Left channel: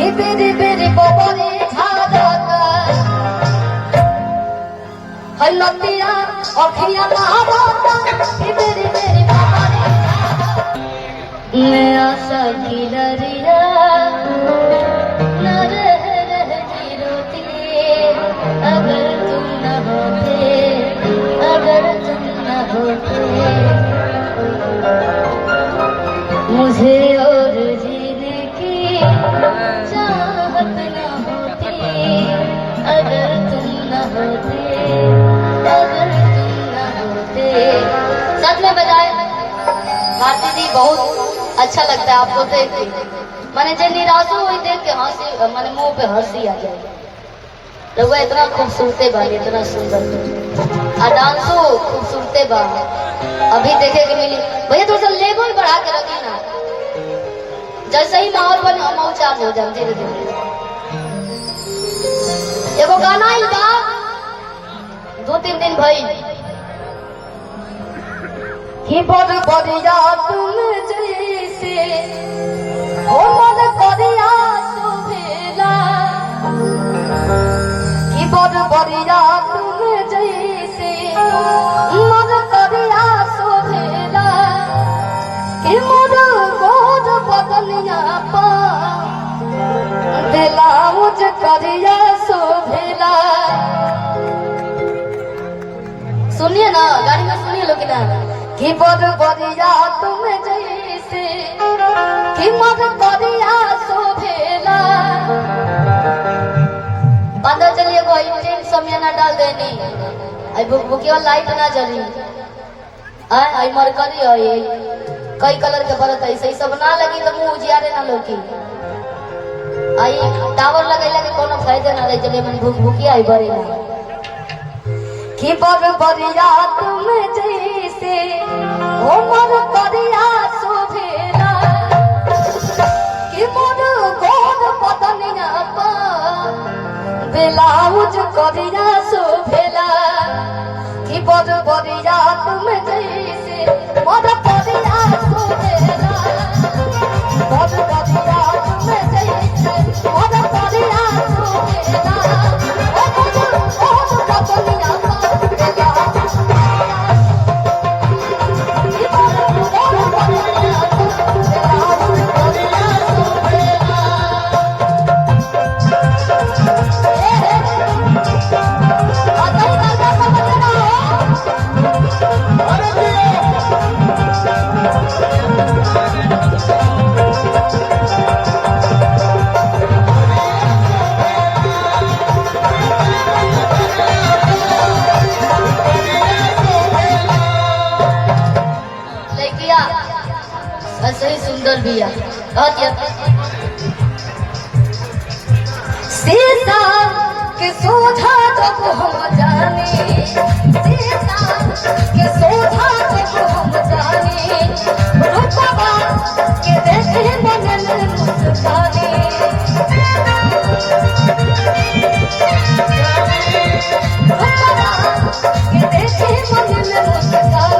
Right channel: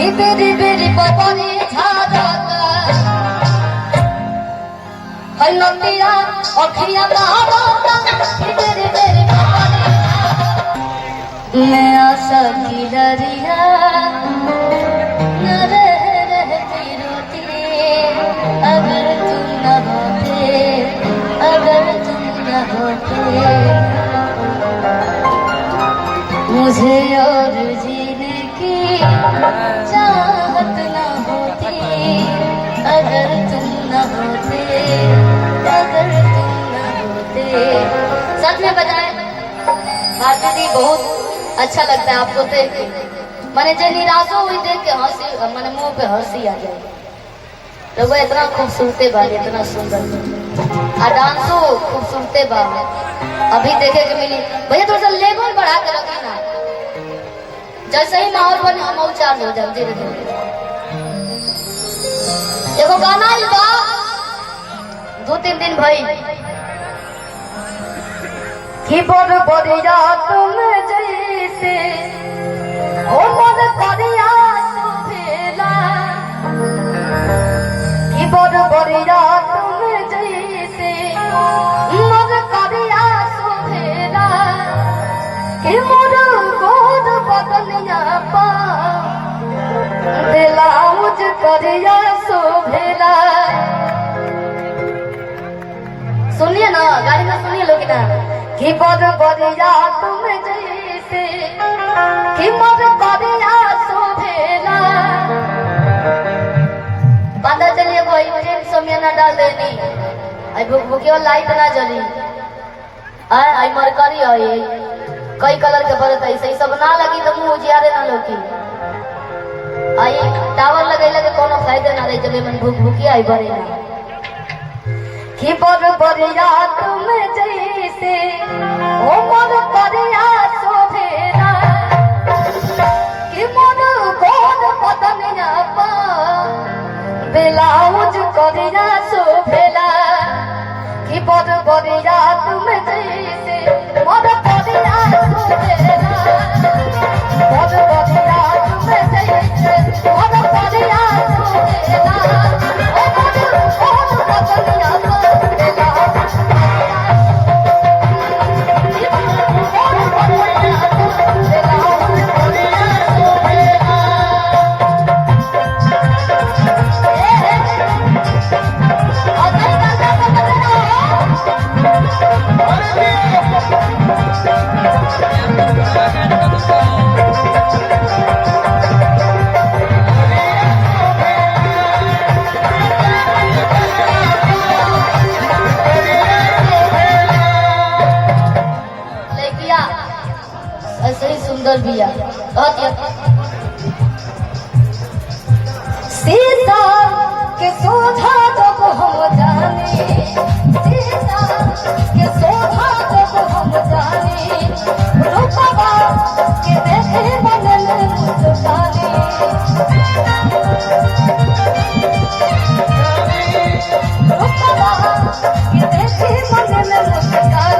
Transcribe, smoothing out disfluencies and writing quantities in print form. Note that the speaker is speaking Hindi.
बेरे बेरे बबरे झाड़का है नतिया अखिया लाड़का बेरे बेरे बबरे मैं आशा की डरिया न रहती रोती अगर तुम न होते अगर तुम न होते मुझे और जीने की चाहत न होती अगर तुम न होते अगर तुम न होते। सच में बजाए भारती जी बहुत अच्छा लगता है आपको देख के। मैंने जो निराशा हुई देख के हंसी मैंने मुंह पे हंसी आ जाए। रघुआ इतना खूबसूरते बा इतना सुंदर और डांसो खूबसूरते बा अभी देखे के मिली। भैया थोड़ा सा लेवल बढ़ा के रखी ना जैसे ही माहौल बने हम चार्ज हो जाए धीरे धीरे। एगो गाना ही बा 2-3 दिन भाई कि बड़ बढ़िया तुम जैसे हो मन बढ़िया सुभेला कि बड़ बढ़िया तुम जैसे मन बढ़िया सुभेला कि मोर गोद बदनिया पा ब्लाउज करिया शोभेला। सुनिए ना गाड़ी में सुनिए लोग ना कि बड़ बढ़िया तुम जैसे कि मोर बढ़िया शोभेला। पता चलिए कोई ट्रेन समय ना डाल देनी आई बुकियो लाइट ना जली आई मरकरी है कई कलर के बरत ऐसे सब ना लगी तो मुंह उजियारे ना लोकी आई टावर लगैला के कोनो फायदे ना रहे चले मन भूख भूखी आई बरे ना कि बड़ बढ़िया तुम जैसे ओ मोर बढ़िया शोभेला कि मोर गोद बदनिया पा ब्लाउज करिया शोभेला कि बड़ बढ़िया तुम जैसे मोर बढ़िया शोभेला बड़ बढ़िया तुम जैसे मोर बढ़िया शोभेला सुंदर बिया सीता के सोझा जब हम जाने सीता के सोझा जब हम जाने रूपवा के देखे मन मुस्काने रूपवा के देखे मन मुस्काने